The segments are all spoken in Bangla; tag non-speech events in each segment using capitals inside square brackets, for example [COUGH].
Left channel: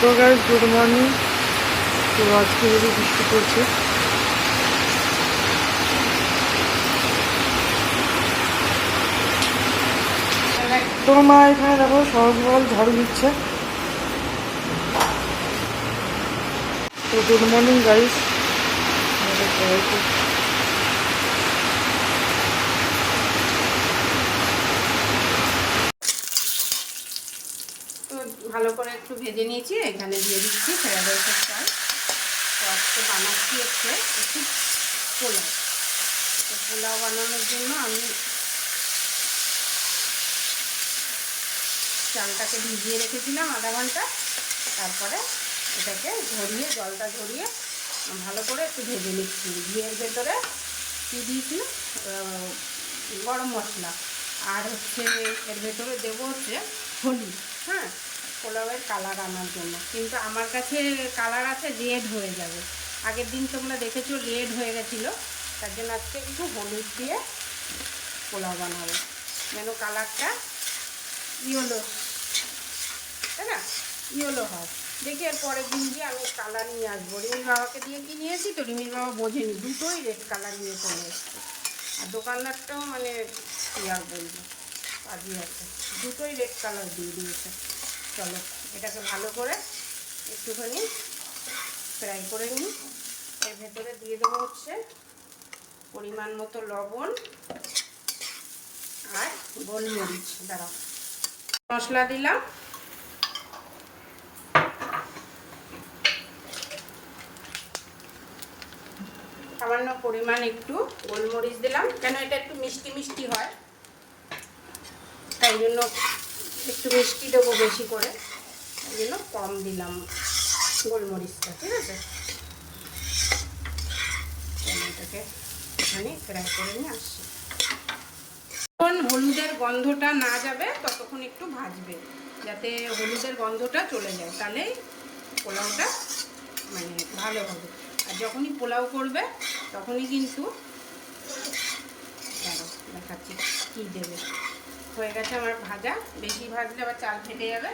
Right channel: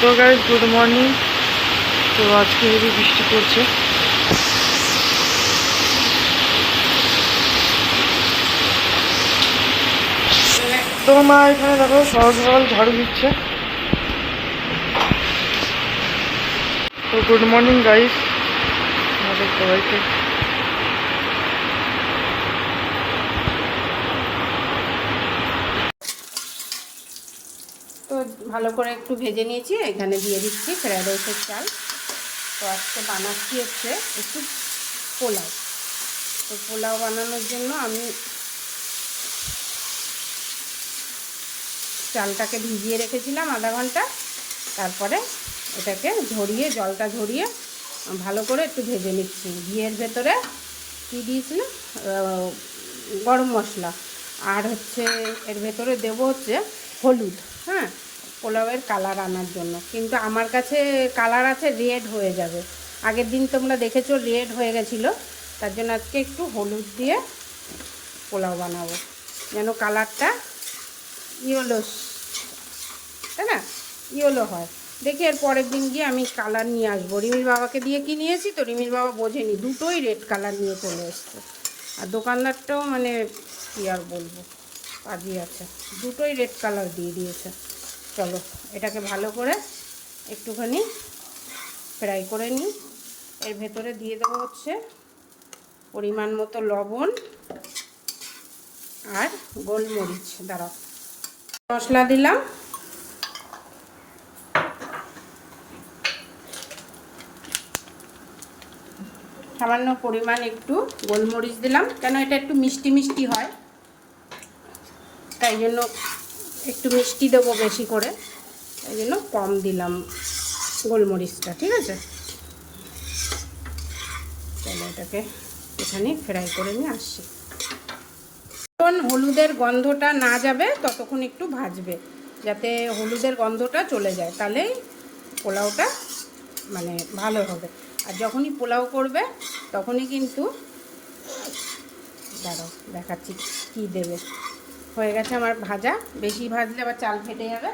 তো গাইজ গুড মর্নিং তো আজকে হেভি বৃষ্টি পড়ছে। তো মা, এখানে দেখো সকাল সকাল ঝাড়ু দিচ্ছে। তো গুড মর্নিং গাইস আমাদের সবাইকে তো ভালো করে একটু ভেজে নিয়েছি, এখানে দিয়ে দিচ্ছি ফ্রাইড রাইসের চাল। তো বানাচ্ছি হচ্ছে একটু পোলাও। তো পোলাও বানানোর জন্য আমি চালটাকে ভিজিয়ে রেখেছিলাম আধা ঘণ্টা। তারপরে এটাকে ঝরিয়ে জলটা ঝরিয়ে ভালো করে একটু ভেজে নিচ্ছি। ঘিয়ের ভেতরে কী দিয়েছি গরম মশলা। আর হচ্ছে এর ভেতরে দেবো হচ্ছে হলুদ হ্যাঁ? পোলাওয়ের কালার আনার জন্য। কিন্তু আমার কাছে কালার আছে রেড হয়ে যাবে। আগের দিন তোমরা দেখেছ রেড হয়ে গেছিল। তার জন্য আজকে একটু হলুদ দিয়ে পোলাও বানাবো। যেন কালারটা ইয়েলো তাই না? ইয়েলো হয়। দেখি এর পরের দিন গিয়ে আমি কালার নিয়ে আসব। রিমির বাবাকে দিয়ে কি নিয়েছি তো? রিমির বাবা বোঝেনি। দুটোই রেড কালার নিয়ে চলে এসছে। আর দোকানদারটাও মানে কী আর বলব? কাজই আছে দুটোই রেড কালার দিয়ে দিয়েছে। চলো, এটাকে ভালো করে একটুখানি ফ্রাই করে নিই এর ভেতরে দিয়ে দেওয়া হচ্ছে পরিমাণ মতো লবণ আর গোলমরিচ। দাঁড়াও, মশলা দিলাম। সামান্য পরিমাণ একটু গোলমরিচ দিলাম। কেন এটা একটু মিষ্টি মিষ্টি হয়, তাই জন্য একটু মিষ্টি দেবো বেশি করে। এই জন্য কম দিলাম গোলমরিচটা, ঠিক আছে? চলো এটাকে এখানে ফ্রাই করে নিয়ে আসছি। যখন হলুদের গন্ধটা না যাবে, ততক্ষণ একটু ভাজবে, যাতে হলুদের গন্ধটা চলে যায়। তাহলেই পোলাওটা মানে ভালো হবে। আর যখনই পোলাও করবে, তখনই কিন্তু দেখাচ্ছি কী দেবে। হয়ে গেছে আমার ভাজা। বেশি ভাজলে আবার চাল ফেটে যাবে।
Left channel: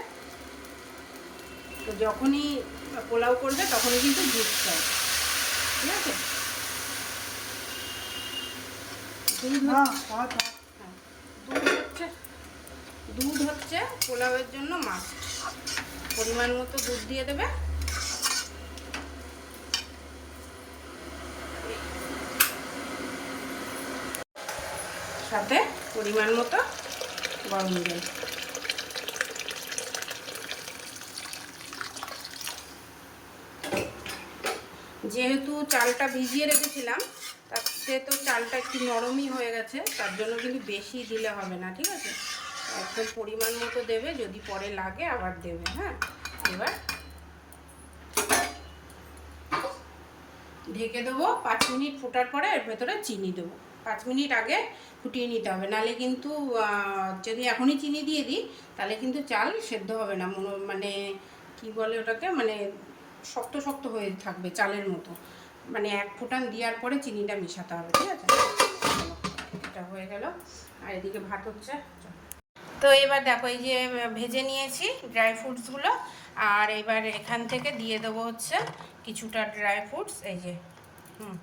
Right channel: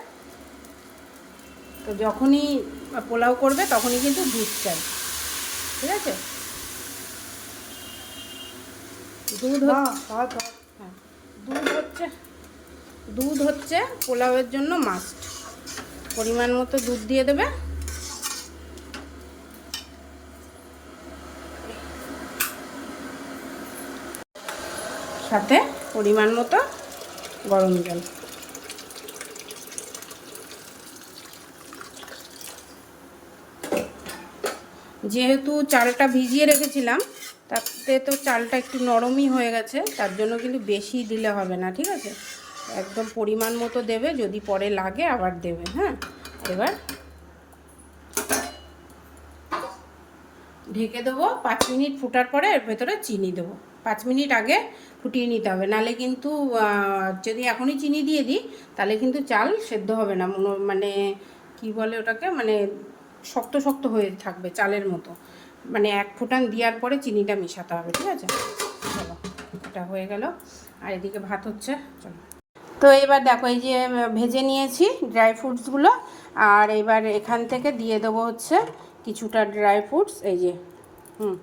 তো যখনই পোলাও করবে তখনই কিন্তু দুধ চাই ঠিক আছে? দুধ হ্যাঁ দুধ হচ্ছে দুধ হচ্ছে পোলাওয়ের জন্য মাস্ট পরিমাণ মতো দুধ দিয়ে দেবে। সাথে পরিমাণ মতো গরম জল। যেহেতু চালটা ভিজিয়ে রেখেছিলাম, তাতে তো চালটা একটু নরমই হয়ে গেছে, তার জন্য কিন্তু বেশি দিলে হবে না, ঠিক আছে? একদম পরিমাণ মতো দেবে, যদি পরে লাগে আবার দেবে হ্যাঁ? এবার ঢেকে দেবো, পাঁচ মিনিট ফুটার পরে এর ভেতরে চিনি দেবো। পাঁচ মিনিট আগে ফুটিয়ে নিতে হবে। নালে কিন্তু যদি এখনই চিনি দিয়ে দিই তাহলে কিন্তু চাল সেদ্ধ হবে না। মনে- মানে কি বলে ওটাকে? মানে শক্ত শক্ত হয়ে থাকবে চালের মতো। মানে এক ফুটান দেওয়ার পরে চিনিটা মেশাতে হবে, ঠিক আছে? এটা হয়ে গেল। আর এদিকে ভাত হচ্ছে। তো এবার দেখো, এই যে, ভেজে নিয়েছি ড্রাই ফ্রুটসগুলো আর এবার এখান থেকে দিয়ে দেবো হচ্ছে কিছুটা ড্রাই ফ্রুটস, এই যে, হুম,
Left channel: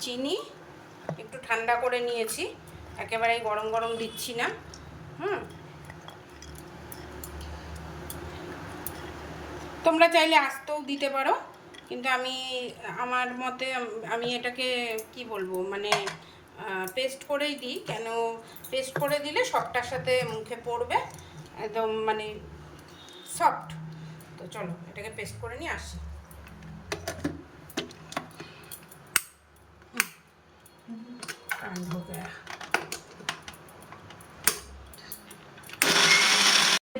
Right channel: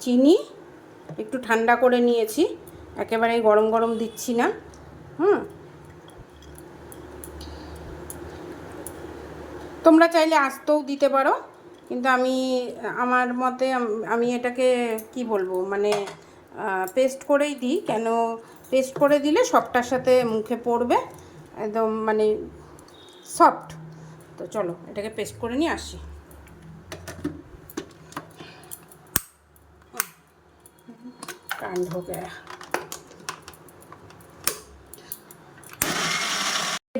চিনি একটু ঠান্ডা করে নিয়েছি। একেবারে গরম গরম দিচ্ছি না। হুম। তোমরা চাইলে আস্তেও দিতে পারো, কিন্তু আমি, আমার মতে আম- এটাকে কি বলব মানে পেস্ট করেই দিই, কেন পেস্ট করে দিলে সবটার সাথে মুখে পড়বে, একদম মানে সফট। তো চলো, এটাকে পেস্ট করে নিয়ে আসি। কাণ্ড हो गया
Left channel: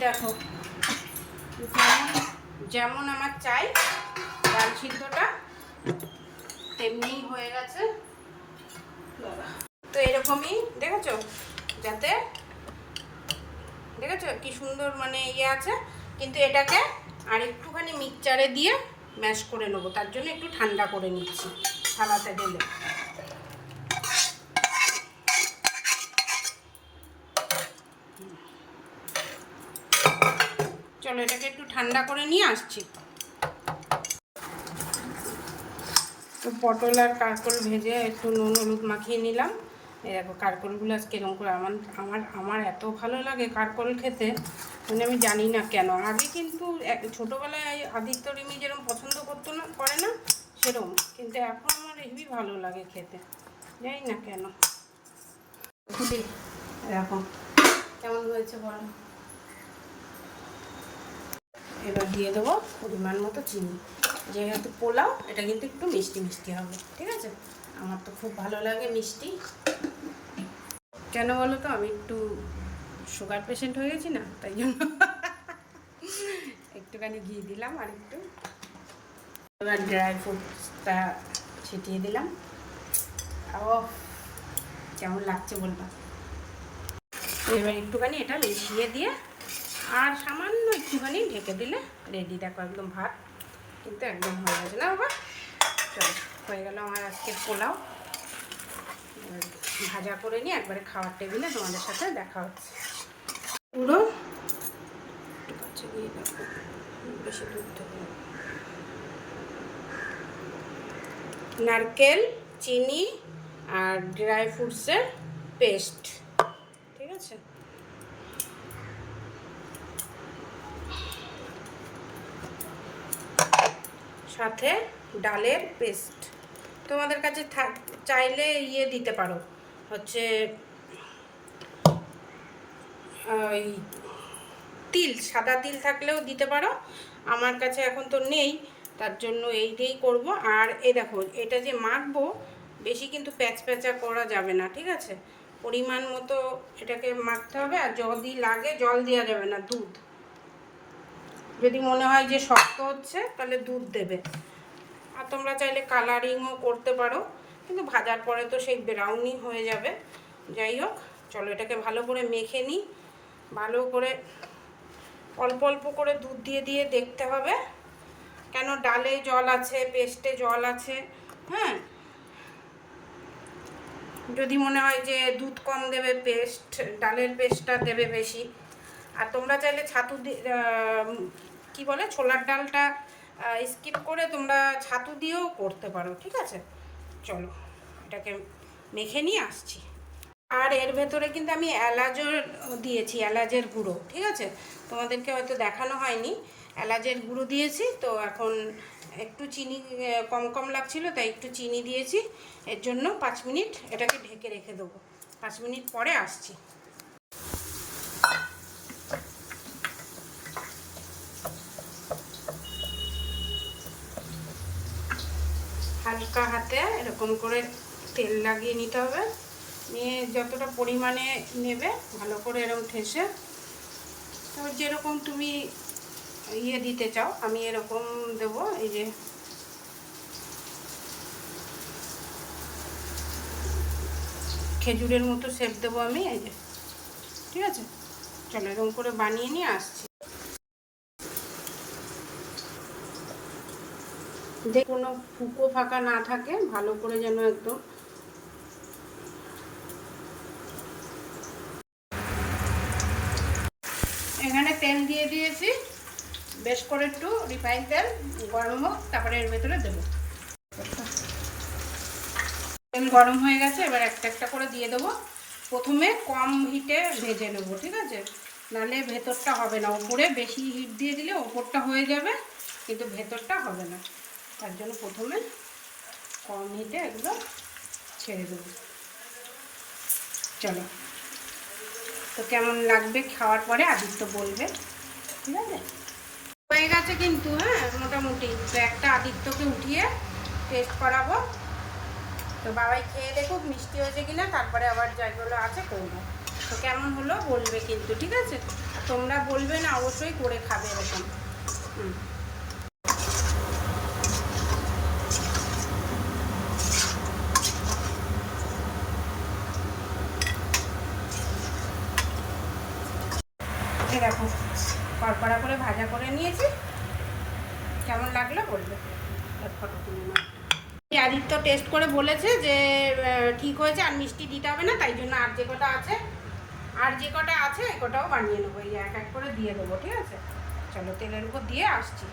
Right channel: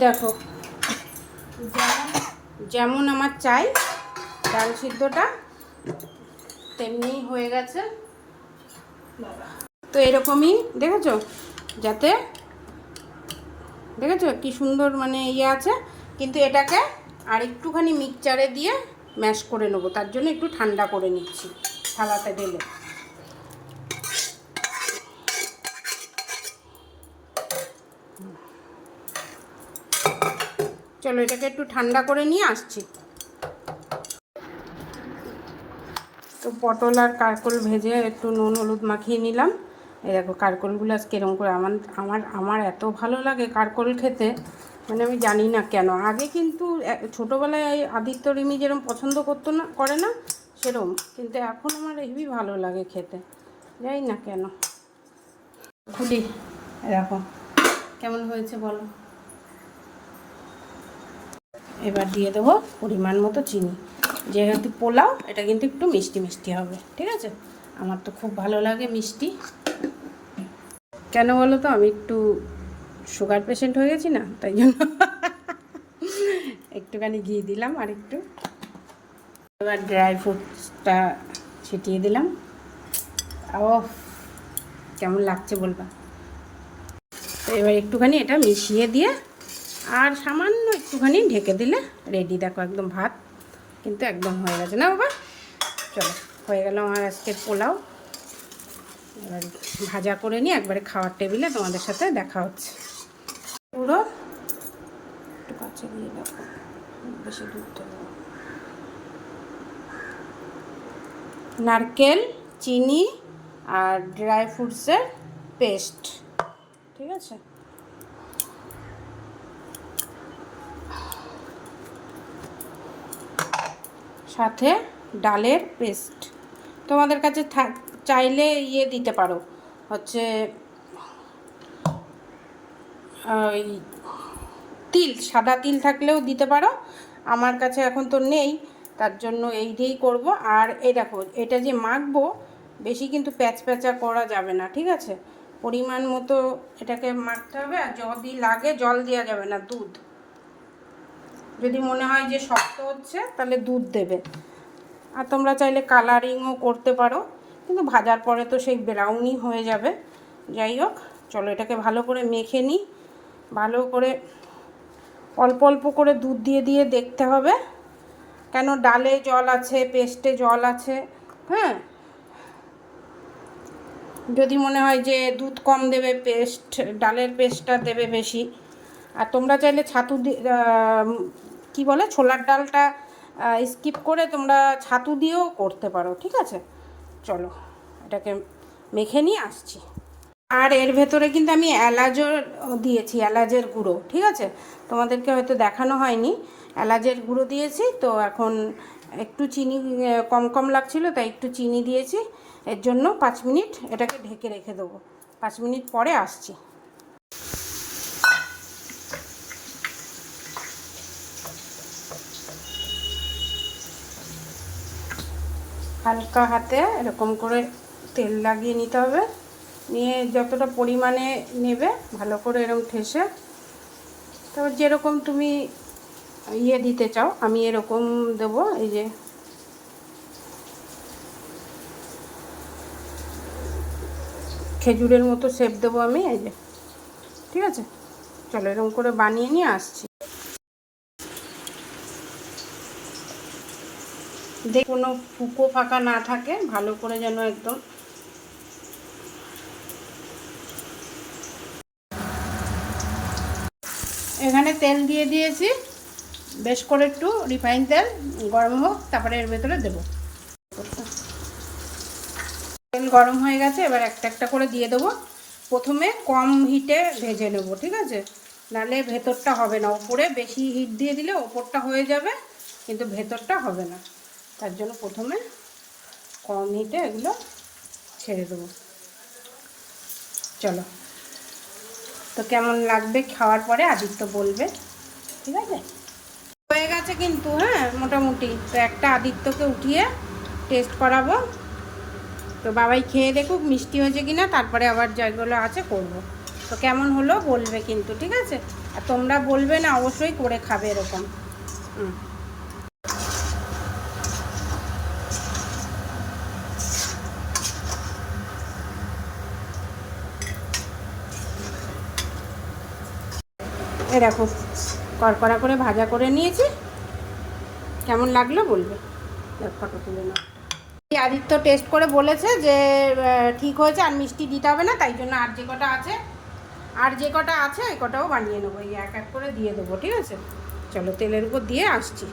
দেখো যেমন যেমন আমার চাই ডাল সিদ্ধটা তেমনিই হয়ে গেছে বাবা তো এরকমই দেখেছো যাতে দেখেছো কি সুন্দর মানে ইয়ে আছে কিন্তু এটাকে আর একটুখানি মিক্সচারে দিয়ে ম্যাশ করে নেবো তার জন্য একটু ঠান্ডা করে নিচ্ছি থালাতে ঢেলে চলো, এটাকে একটু ঠান্ডা করে নিয়ে আসছি। তো পটল আর কারকল ভেজে একটু নুন, হলুদ মাখিয়ে নিলাম। এই দেখো, কারকলগুলো আজকে এরকম করে আমার আমার আমার এত ভালো লাগে কারকল খেতে মানে আমি জানি না কেন। আগে কিন্তু ছোটোবেলায় আদিত্য রিমি যেরকম পছন্দ করতো না, করে না, সেরকম। কিন্তু এখন আমার হেবি ভালো লাগে খেতে, জানি না কেন। খুলি দেখো, কেমন হয়েছে বলো। এবার দিয়ে দেবো পরিমাণ মতো চিনি। যেহেতু পোলাও, এটা কিন্তু একটু মিষ্টি মিষ্টি হবে, ঠিক আছে? আমার তো খুব ভালো লাগে মিষ্টি। কেন বলো তো? আমি একটু সুগার পেশেন্ট হয়ে গেছি না, তাই জন্য। একটুখানি ঘি দিলাম আর একটু এবার ড্রাই ফ্রুটসটা ছিটিয়ে দিলাম। ও কেমন লাগছে বলবা এবার একটুখানি এটা মিশিয়ে দিয়ে আর সামান্য একটুখানি ঢেকে দিলে রেডি দেখো একদম ভাত কিন্তু একদম হয়ে গেছে। না বাবা? চলো, হয়ে গেল আমার আজকে পোলাও। ভাজা করে নিয়ে একবারে খাওয়ার টেবিলে তোমাদের সাথে দেখা হচ্ছে। পুরো কাছে দিয়ে দেখো, বেশি দুধ নারকেল, চিনি আর ড্রাই ফ্রুটসের পেস্ট। ঠিক আছে? সাথে ডালের পেস্ট। তোমাদের কাছে থাক, চাইলে ইয়ে দিতে পারো। হচ্ছে, ওই তিল, সাদা তিল থাকলেও দিতে পারো। আমার কাছে এখন তো নেই, তার জন্য এই দিয়েই করব। আর এই দেখো, এটা যে মাখবো, বেশি কিন্তু প্যাচ প্যাচা করা যাবে না, ঠিক আছে? পরিমাণ মতো এটাকে মাখতে হবে, আর যদি লাগে জল দেওয়া যাবে না, দুধ। যদি মনে হয় যে শক্ত হচ্ছে, তাহলে দুধ দেবে। আর তোমরা চাইলে কালারিংও করতে পারো, কিন্তু ভাজার পরে তো সেই ব্রাউনই হয়ে যাবে। যাই হোক, চলো এটাকে ভালো করে মেখে নিই ভালো করে অল্প অল্প করে দুধ দিয়ে দিয়ে দেখতে হবে। কেন ডালে জল আছে, পেস্টে জল আছে হ্যাঁ? যদি মনে হয় যে দুধ কম দেবে, পেস্ট, ডালের পেস্টটা দেবে বেশি। আর তোমরা চাইলে ছাতু কি বলে, ছোলার ডালটা স্কিপ করে তোমরা ছাতু দিয়েও করতে পারো, ঠিক আছে? চলো, এটাকে মেখে নিয়ে আসছি। আর এর ভেতরে কিন্তু আমি এলাচও দিয়েছি, এলাচের গুঁড়ো, ঠিক আছে? তোমাদেরকে হয়তো দেখানো হয়নি। এলাচের গুঁড়ো দিয়েছি, তো এখন একটু চিনি কম কম লাগছিল, তাই একটু চিনি দিয়েছি। এর জন্য পাঁচ মিনিট এটাকে ঢেকে রেখে দেবো। পাঁচ মিনিট পরে আসছি। হালকা হাতে এরকম করে তেল লাগিয়ে নিতে হবে। নিয়ে যতটা পরিমাণে নেবে ভালো করে এরকম ঠেসে। তারপর যেরকম তুমি ইয়ে দিতে চাও, আমি এরকম দেব, এই যে। খেজুরের মতো শেপ দেবো আমি, এই যে। ঠিক আছে? চলো এরকম করে বানিয়ে নিয়ে আসছি। যে কোনো ফুকো ফাঁকা না থাকে, ভালো করে যেন একদম এখানে তেল দিয়ে দিয়েছি। বেশ করে একটু রিফাইন তেল, গরম হোক, তারপরে এর ভেতরে দেবো। তেল গরম হয়ে গেছে, এবার একটা একটা করে দিয়ে দেবো। প্রথমে কম হিটে ভেজে নেব, ঠিক আছে? নাহলে ভেতরটা হবে না। উপরে বেশি হিট দিয়ে দিলে ওপরটা হয়ে যাবে, কিন্তু ভেতরটা হবে না। তার জন্য প্রথমে কম হিটে এগুলো ছেড়ে দেবো। চলো। তো কেমন লাগবে খাওয়ার পরে আদিত্য বলবে, ঠিক আছে? হয়ে গেছে কিন্তু হ্যাঁ মোটামুটি। তো একটা আদিত্যকে উঠিয়ে টেস্ট করাবো। তো বাবাই খেয়ে দেখুক মিষ্টি হয়েছে কিনা, তারপরে আবার যেগুলো আছে করব। তো কেমন হলো বলবে কিন্তু, ঠিক আছে? আর তোমরা বলবে না, অবশ্যই করে খাবে এরকম। হুম। এ দেখো, কড়কড়া করে ভাজা করে নিয়েছি। কেমন লাগল বলবে? ফটো তুলে না আদিত্য টেস্ট করে বলেছে যে ঠিক হয়েছে আর মিষ্টি দিতে হবে না, তাই জন্য আর যে কটা আছে, আর যে কটা আছে ওই কটাও বানিয়ে নেব। এই এক এক করে দিয়ে দেবো, ঠিক আছে? চলো, তেলের উপর দিয়ে আসছি।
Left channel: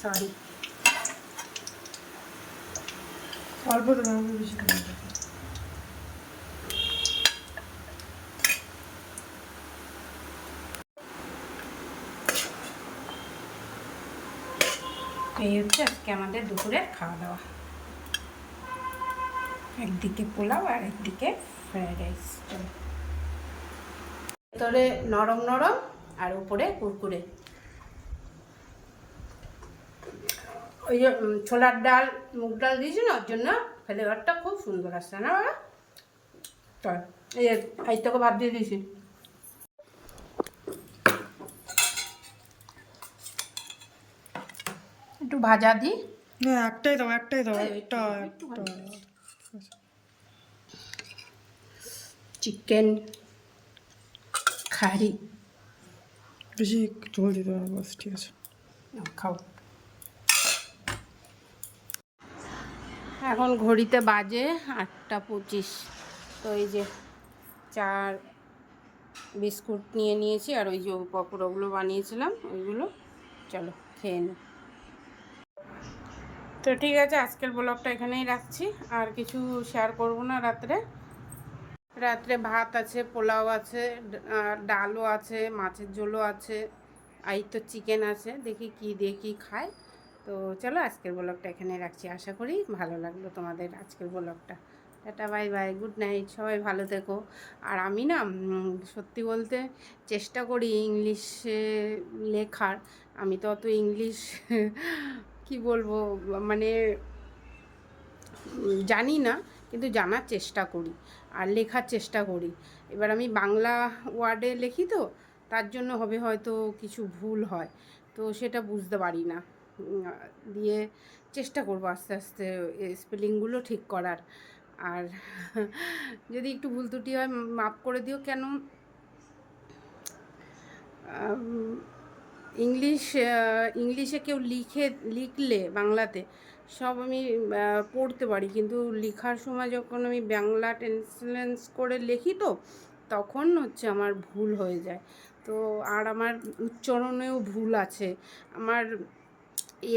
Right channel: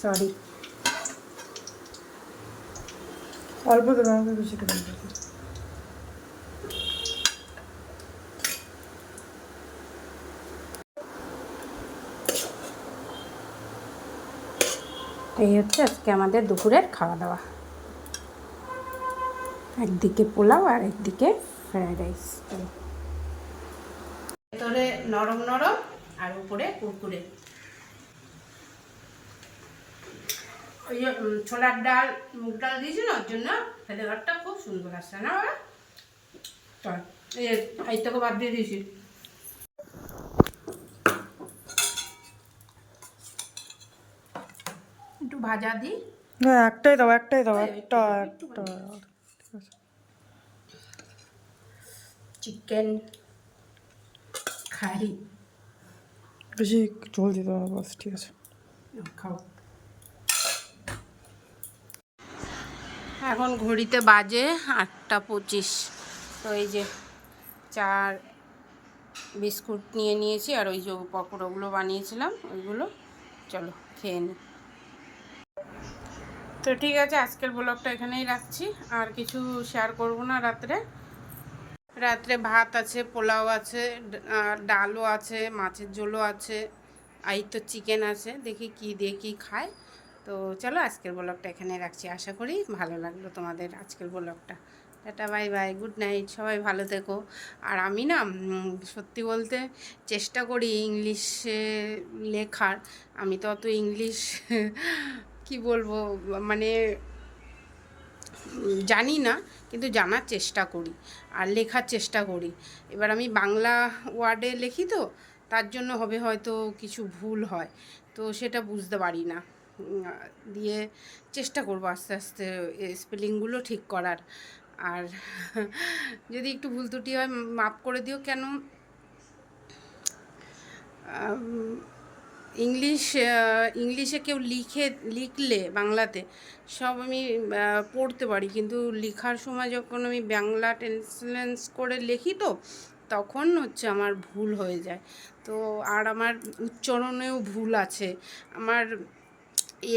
সরি অল্প দেবে আমাকে বেশি দেবে এই হচ্ছে আজকে আমাদের দুপুরের খাওয়া দাওয়া একদিকে পোলাও আর একদিকে ফ্রাইড রাইস ভেতরে নরম নরম আর উপরে কুরকুরে। ওই যে ছোলার ডাল মুগ ডাল দিয়েছি না ওর জন্য ফ্লেভারটা খুব সুন্দর আসছে না চল এই এই তোকে ভাত দিয়ে দিয়েছি। একটু ভাজা দিই না একটাই দাও একটাই দাও একটা একটা চিকেন খারি বেশি ঝোল দিতে হবে বাস ঠিক আছে। খাও। এখন ঘড়িতে বাজে আটটা পঁচিশ। তো এই যে চার বিস্কুট নিয়ে নিয়েছি আর ওই যে পকোড়াগুলো বানিয়েছিলাম, ওইগুলো চলো খেয়ে নে। তো ঠিক আছে, আজকের ব্লগটা এখানেই রাখছি। আর কিছু শেয়ার করব না রাত্রে। রাত্রে ভাত আছে, পোলাও আছে ডালও আছে, মাছের ঝোলও আছে, আর এই তো চিকেন আছে। দেখি কি দিয়ে কি খায়। তো চলো আজকের ব্লগটা এখানে রাখছি। আশা করি ভালো লাগল তোমাদের আজকের ব্লগটা। Tata, bye bye, good night, সবাই ভালো থেকো। আর আমি না সত্যি বলতে চেষ্টা করি ইংলিশে লেখার। আমি তো অত ইংলিশ [LAUGHS] কি বলব মানে জানি না, কিন্তু জানার চেষ্টা করি আর লেখার চেষ্টা করি। এবার আমি বাংলা ওয়ার্ডে লিখি তো, তার জন্য হবে হয়তো কিছু ভুল হয়। তো সেটা বুঝতে পারি না। দিয়ে চেষ্টা করব আস্তে আস্তে স্পেলিংগুলো ঠিক করার। আর [LAUGHS] যদি একটু ভুল ত্রুটি হয় মাফ করে দিও কেন? ইংলিশ ইংলিশে কেউ লিখে, লিখলে বাংলাতে সব আমি পড়তে পারি। কিন্তু লেখার সময় যখন আমি বাংলা ট্রান্সলেন্স করে লিখি তো, তখন হচ্ছে আমার ভুল হয়ে যায়। তো আর আমার উচ্চারণেও ভুল আছে। আমার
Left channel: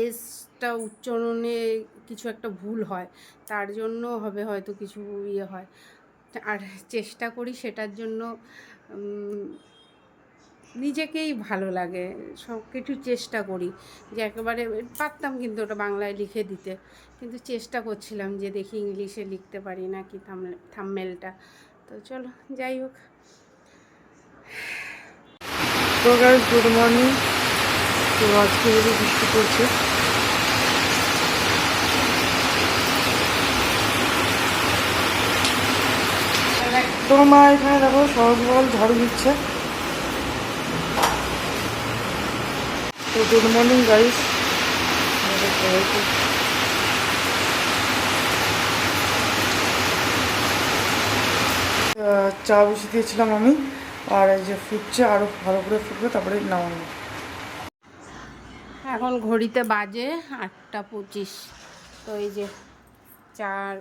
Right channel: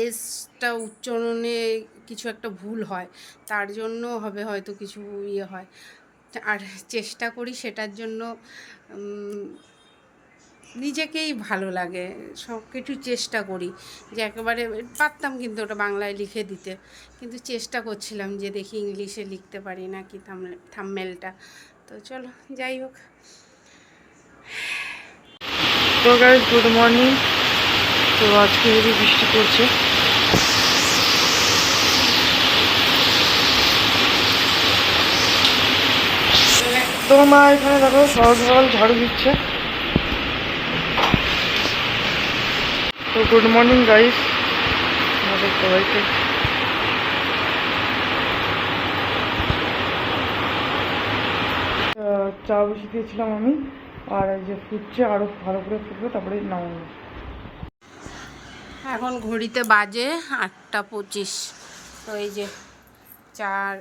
এসটা উচ্চারণে কিছু একটা ভুল হয়, তার জন্য হবে হয়তো কিছু ইয়ে হয়। আর চেষ্টা করি সেটার জন্য নিজেকেই ভালো লাগে সব কিছু চেষ্টা করি। যে একেবারে পারতাম কিন্তু ওটা বাংলায় লিখে দিতে, কিন্তু চেষ্টা করছিলাম যে দেখি ইংলিশে লিখতে পারি না কি থামমেলটা। তো চলো, যাই হোক। তো গুড মর্নিং তো আজকে হেভি বৃষ্টি পড়ছে। তোমার মা, এখানে দেখো সকাল সকাল ঝাড়ু দিচ্ছে। তো গুড মর্নিং গাইস সবাইকে। চা বসে দিয়েছিলাম আমি, আর এই যে ফুটছে আরও ভালো করে ফুটবে, তারপরে নামাবো। এখন ঘড়িতে বাজে আটটা পঁচিশ। তো এই যে চার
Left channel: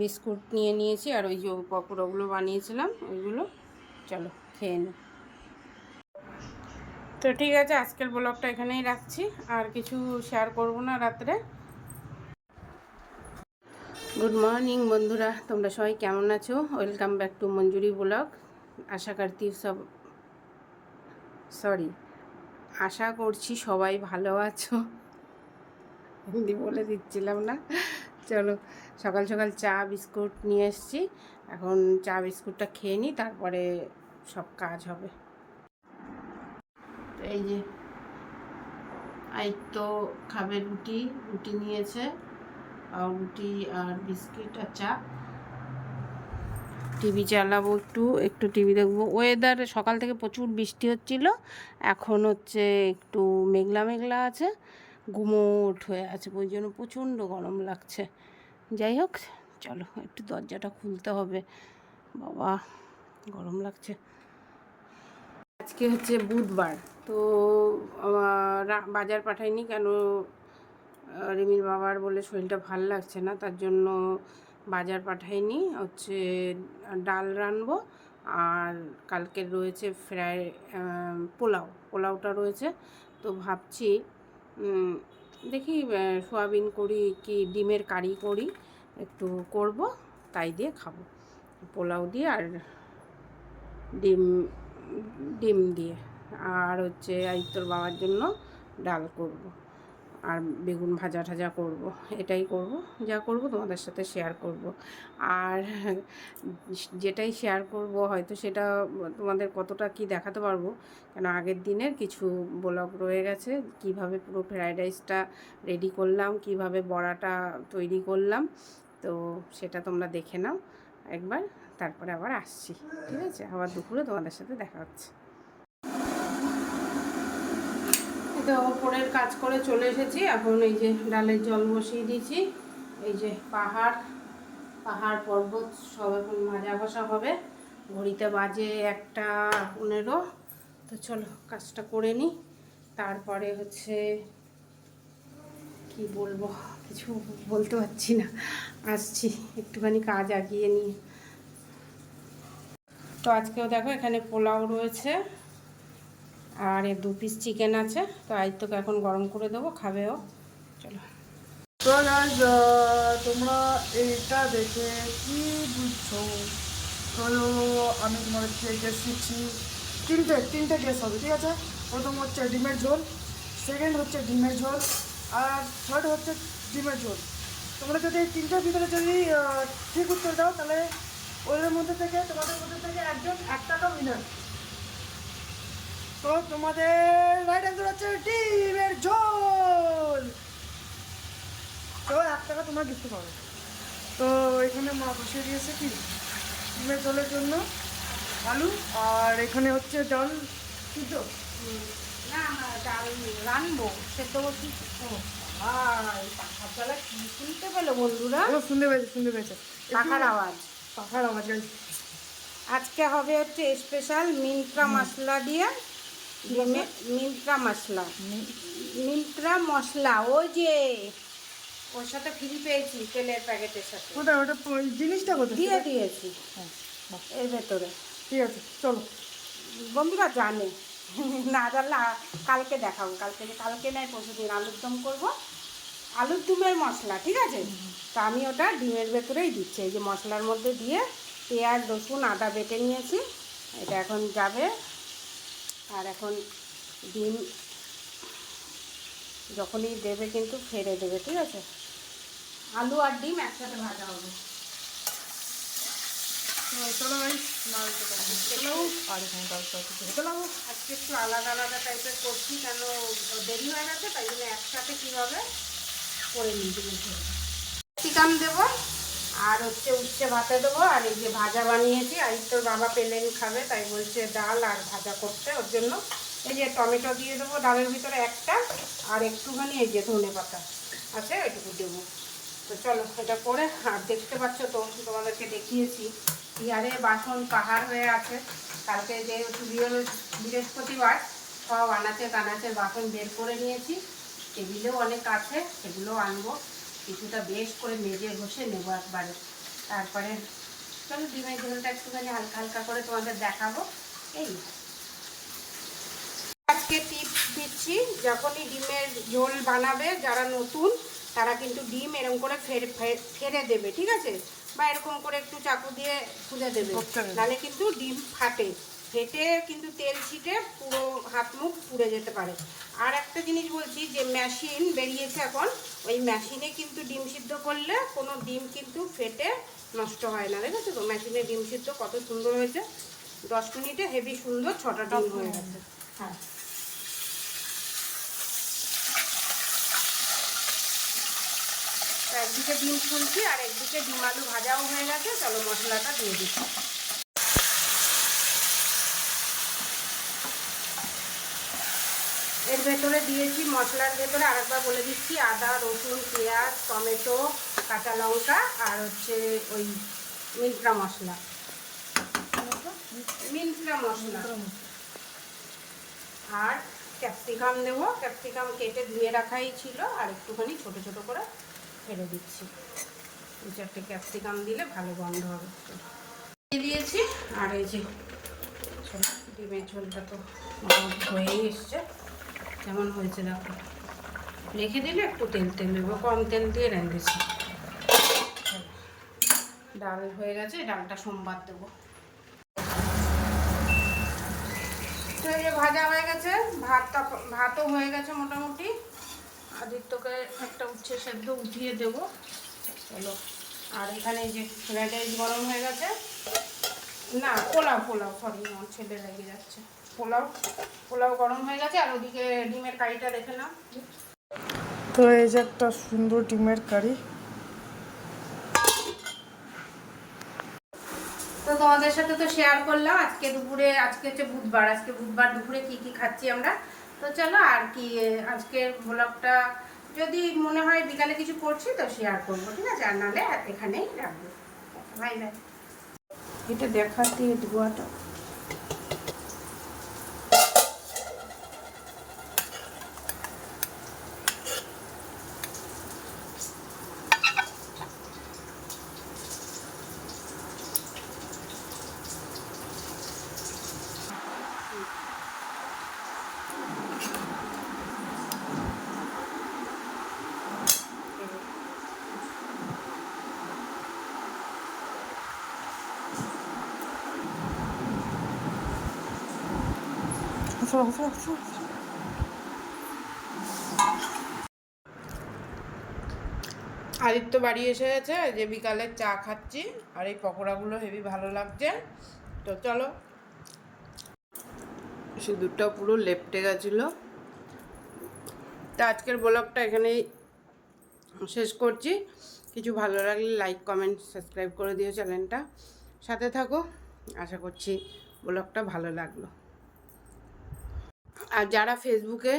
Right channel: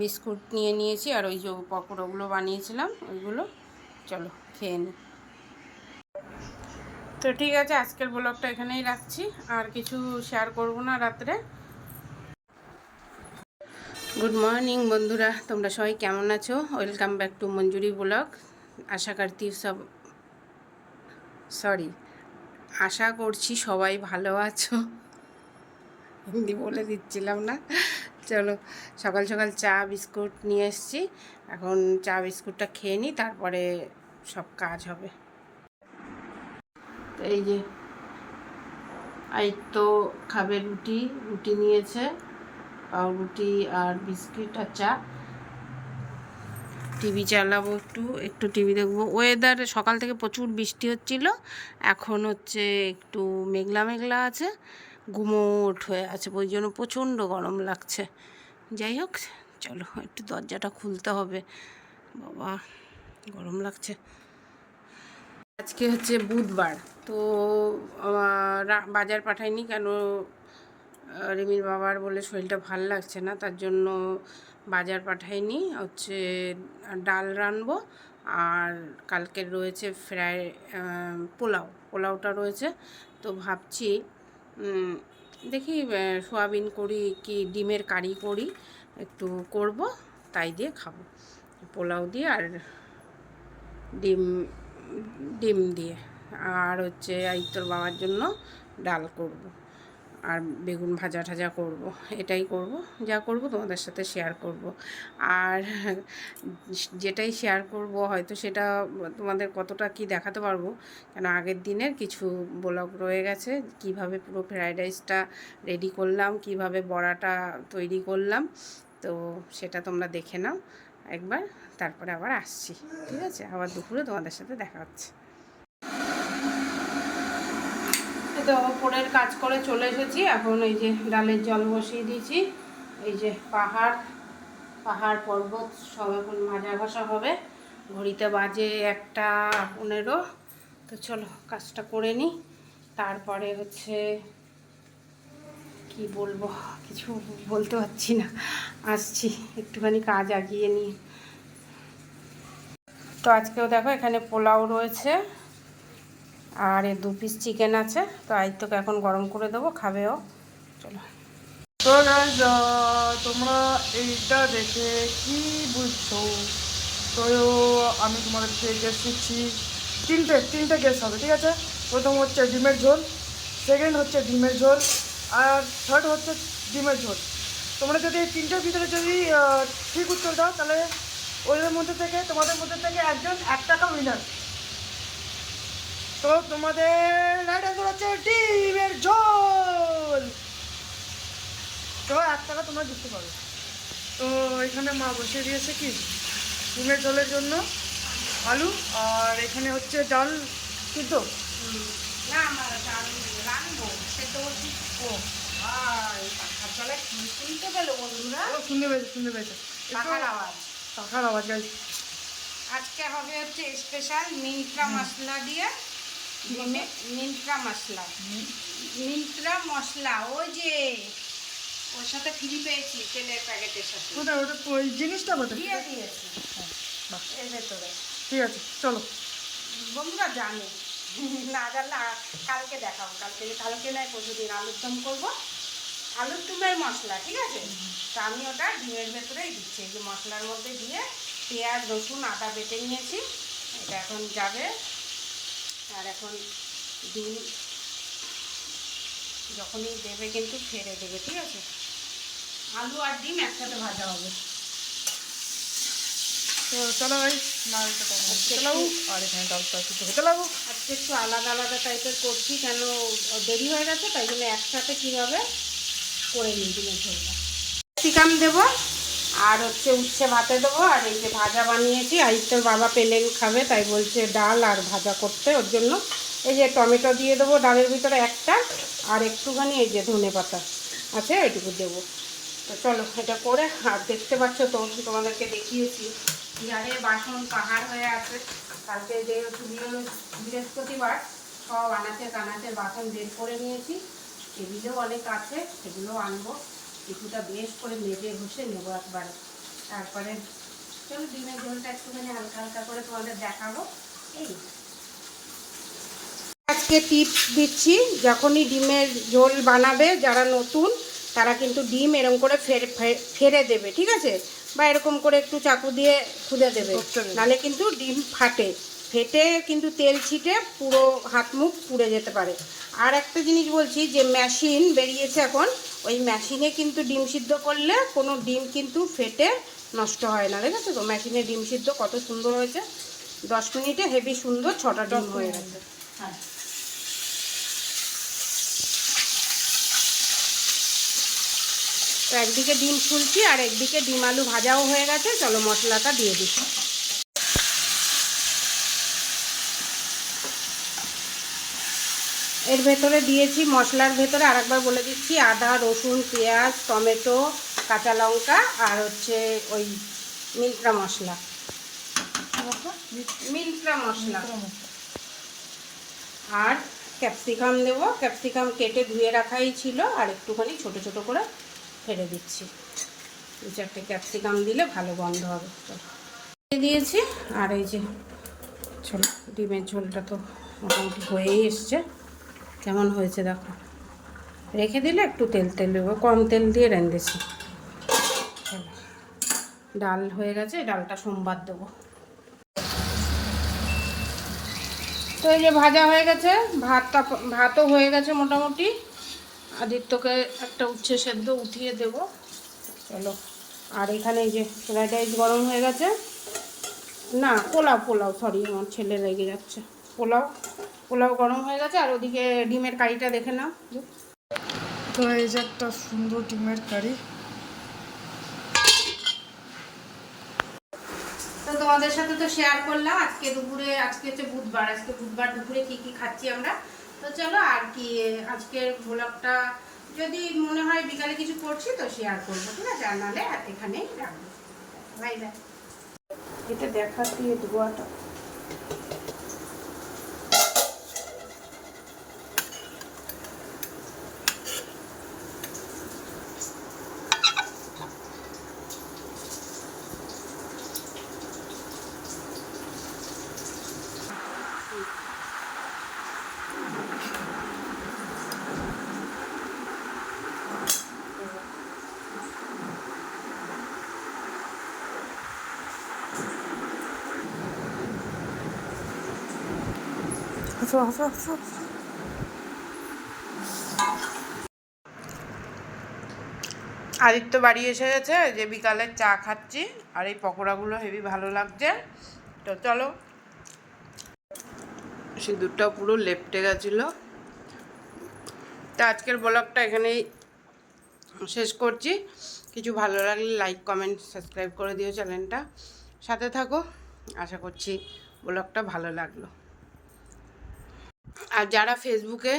বিস্কুট নিয়ে নিয়েছি আর ওই যে পকোড়াগুলো বানিয়েছিলাম, ওইগুলো। চলো খেয়ে নে। তো ঠিক আছে, আজকের ব্লগটা এখানেই রাখছি। আর কিছু শেয়ার করব না রাত্রে। গুড মর্নিং বন্ধুরা, তোমরা সবাই কেমন আছো? Welcome back to Manjuri blog. আশা করছি সব সরি আশা করছি সবাই ভালো আছো। হিন্দি বলে দিচ্ছিলাম না। চলো, সকাল সকাল চা, বিস্কুট নিয়ে এসেছি। এখন চা, বিস্কুটটা খেয়ে নিই তারপরে সব কাজ হবে। এই যে এই তো খাবে রুটি রুটি নিয়েছে। আর রুটি আর বিস্কিট আর চা। টিভি চালাবো একটু একটু টিভি দেখব। ওয়েদার সকাল থেকে প্রচুর বৃষ্টি হচ্ছিল, এখন হচ্ছে একটু মেঘলা মেঘলা আছে, গুমোট হয়ে আছে, ওই জন্য প্রচণ্ড গরম লাগছে। যাই হোক, চলো, একটু দরজাটা খুলতে হবে। বাবা, গরম লাগছে। আজকে হচ্ছে বুধবার, তো বাজার পাঠাইনি কেন? রিমির বাবার বলে শরীরটা ভালো লাগছে না, তার জন্য বাজার পাঠাইনি, হচ্ছে ডাল রানবো আর কালকের রয়েছে ফ্রাই পোলাও, পোলাওটা রয়েছে। তো ভাবছি দেখি সোয়াবিন করি কি ডিমের কারি করি, একটু করব, তাই দিয়ে খাব। পোলাও দিয়ে আর ডিম ডিম দিয়ে। আর হচ্ছে আইতর বাবার জন্য ডাল করব। আর বেগুন ভাজা ঠাজা করব, এটাই করব, যা করব তোমাদের সাথে শেয়ার করব। আর যেটাই শেয়ার করব, হয়তো সেটা তোমাদের কতটা কি দেখাতে পারব, কেন আগের দিনের কিছু ব্লগ রয়ে গেছে, কীভাবে পুরো ফ্রাইড রাইসটা রেডি করলাম, কীভাবে বড়াটা তৈরি করলাম, তো সেটা তোমরা দেখে নাও। একবার, তারপরে আবার আসছি, ঠিক আছে? আবার দুপুরে তোমাদের সাথে দেখা হচ্ছে এই তো ওপরের কাজ করে চলে এসেছি। এখন এই যে ডালের জল বসিয়ে দিয়েছি। এই যে পাহাড় পাহাড় পর্বত সব এখন মাজা ঘষা হবে। ঘড়িতে বাজে একটা পনেরো। তো চলো কাজটা করে নিই। তারপরে হচ্ছে কি বলব, কিছু বলতে পারছি না। আসছি, একটুখানি কাজ আগিয়ে নিয়ে তো আজকেও দেখো এখানে পোলাও রয়েছে। আর এ দু পিস চিকেন আছে, তো আইত্যকে এখন গরম করে দেবো খাবেও চলো। তো গাইজ তোমরা এইটা দেখে কি বুঝছ? তো আমি তোমাদেরকে গ্যাস দিচ্ছি। তিনটে তিনটে গ্যাস হবে, ঠিক আছে? প্রথম হচ্ছে ডিমের ঝোল সেকেন্ড হচ্ছে ডিমের ঝোল, আর থার্ড হচ্ছে ডিমের ঝোল। তোমরা যদি এই তিনটের ভিতরে যদি ঠিক উত্তর দাও, তাহলে ওদের মধ্যে থেকে, তোমাদের মধ্যে থেকে একজন এক টাকা উইনার তো তোমাদের রাইট অ্যান্সার হচ্ছে ডিমের ঝোল। তো এক টাকা তোমরা দিতে পারো তো এখানে মা বসিয়ে দিয়েছে কি? ডিমের ঝোলের জন্য আলু আর এখানে হচ্ছে ডাল সিদ্ধ। ও শুনতে শুনতে পেয়েছে শুনতে পেয়েছে। পাখার আওয়াজ। পাখার আওয়াজ আজকে হবে হচ্ছে স্পেশাল মিন্ট্রা মশলা দিয়ে মশলা? মিন্ত্রা মশলা। মিন্ত্রা মশলা ওই যে ওর সাথে ফ্রি পেয়েছি তেলের প্যাকেটের সাথে। কোথায়? ওটা ওই জিনিসটা কোথায়? দিয়ে দিয়েছি। হ্যাঁ, এর ভেতরে। ঠিক আছে চলো। বন্ধুরা জানে না জানলে কালকে দেখাবো। কালকে কালকে নয় প্রতিদিন আলুর দম করব। আলুর ডিমের মশলা ঠিক আছে? তা আমি ওটা ডিমের ভেতরেই দিচ্ছি। এই যে মশলার মধ্যে দিয়ে পেঁয়াজ রসুন আদা বেটে নিয়েছি। এটা এখন যাবে আর এখন ডিম যখনই দেবে কিন্তু ফেলে দেবে ঠিক আছে? আলু আর ডিম একসাথে ভাজা হবে। তো চলো ভাই নাড়িটা তখন হতে লাগুক আর এখানে ডালটা কিছু হতে লাগুক আজকে একটু আলাদা আলাদা টাইপের করছি কেন দেরি হয়ে গেছে? তাই জন্য একসাথে কীভাবে করে নিই? ডিমের ঝোলটা ক্যাপসিকাম দেবো। আর হচ্ছে উচ্ছে ভাতে দেবো, আর এই যে ভাজা বানিয়েছি আইতের বাবা পেলেন খাবে, তাই বলছে ডাল আর ভাজা করতে, ওর জন্য। এই যে টমেটো দিয়ে দেবো ডালের ভিতরে একটা, আর একটুখানি এই যে ধনে পাতা আছে, এটুকু দেবো। তো চলো, এটা করে, আর দেখতে পাচ্ছ তো, তোমাদেরকে দেখিয়েছি। ইয়ারে বাসন পাহাড় হয়ে আছে, কালকে বৃহ- বৃহস্পতিবার, সব আনাচে কানাচে বাসন বের করে নিয়েছি। টেবিলেও অনেক আছে, সেগুলো আনব। কিছুটা বেশ করে মেজে ঘষে নেব একবারে। তারপরে চলো ডিমের ঝোলটা একটুখানি হালকা হালকা করে তোমাদের দেখাবো। এই। আজকে টিপস দিচ্ছি যখনই ডিমের ঝোল বানাবে যারা নতুন তারা কিন্তু ডিম এরকম করে ফের ফেরে দেবে ঠিক আছে? বা এরকম করে একটু চাকু দিয়ে খুলে দেবে। নাহলে কিন্তু ডিম ফাটে। ফেটে কিন্তু তেল ছিটে পুরো হাত মুখ পুড়ে যেতে পারে। আর একটা জিনিস বলছি যে মেশিন বেরিয়েছে এখন ওই মেশিনে কিন্তু ডিম সিদ্ধ করলে কোনো ডিম কিন্তু ফেটে নষ্ট হয় না, দেখেছ তো? মেশিনে ডিম সিদ্ধ কত সুন্দর হয়েছে। দশ মিনিটে হেভি সুন্দর ছটা ডিম হয়ে গেছে। হ্যাঁ একদিকে ডিম ছুলছি আর একদিকে ডিম আলু ভাজাও হয়ে গেছে। চলো মশলাটা দিয়ে দিচ্ছি। এর ভেতরে দিয়েছি মশলার ভেতরে আরেকবার বলে দিচ্ছি আদা রসুন পেঁয়াজ টমেটো কাঁচা লঙ্কা আর হচ্ছে ওই মিল্ট্রা মশলা। মিল্ট্রা মশলা। আর ক্যাপসিকাম দেবো। ক্যাপসিকাম কেটে ধুয়ে রাখাই ছিল আর একটুখানি ছোট ছোট করে ফেলে দিচ্ছি। চারটে ক্যাপসিকাম দিলে ভালো গন্ধ হবে। দিয়ে দিয়েছি। আর এই যে ডিমের ঝোলটা তো হয়েই এসছে। কেমন হয়েছে দেখো। রেখে দিলে একটু তেল তেল দেবো, কম তেল দিয়ে রেঁধেছি ডাল হয়ে গেছে, ডালটা সোমবার দেবো। তো এই যে ভাজা হয়ে গেছে, ভাতটা ভাতও হয়ে গেছে মোটামুটি। আদিত্যকে একটা উচ্ছে সেদ্ধ উঠিয়ে দেবো। চলো, আর এখানে এই যে ফ্রাইড রাইস গরম হয়ে গেছে। না, পোলাও পোলাও সরি আমার ছেলে লেগে যাচ্ছে। পোলাও পোলাও গরম হয়ে গেছে আর ওদিকে ডিমের কারিটা দেখে নাও। তো এই যে একটা সুন্দর ডিমের কারি। তো তোমাদের সাথে তো শেয়ার করলাম আজকে দুপুরে আজকে হচ্ছে বুধবার আজকে বুধবার দুপুরে কি কি খাচ্ছি আমরা। তো চলো আর কি আজকের ব্লগটা যদি মনে হয় বিকালে কিছু করছি তো শেয়ার করব ঠিক আছে? আর নাহলে এখানেই রাখব। বাই বাই এটা দেখাচ্ছি ধোয়াটা। হাসো হাসো হাসো আদিত্য বাড়ি এসে গেছে যে বিকালে চা খাচ্ছি, আর এই পকোড়াগুলো হেভি ভালো লাগছে। তো চলো। সিঁদুরটা পুরো লেপটে গেছিল। তা আজকের ব্লগটা এখানেই শেষ করছি। কিছু ভালো লাগলে লাইক, কমেন্ট, সাবস্ক্রাইব করে দিও চ্যানেলটা। সাথে থাকো। আশা করছি ব্লগটা ভালো লাগল। আর যারা ফেসবুকে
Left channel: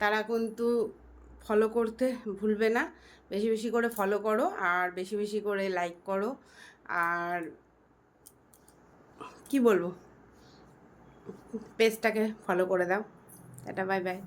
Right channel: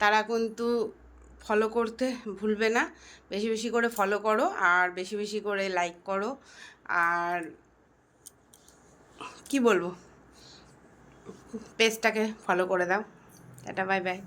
তারা কিন্তু ফলো করতে ভুলবে না। বেশি বেশি করে ফলো করো আর বেশি বেশি করে লাইক করো। আর কি বলব? পেজটাকে ফলো করে দাও। এটা বাই বাই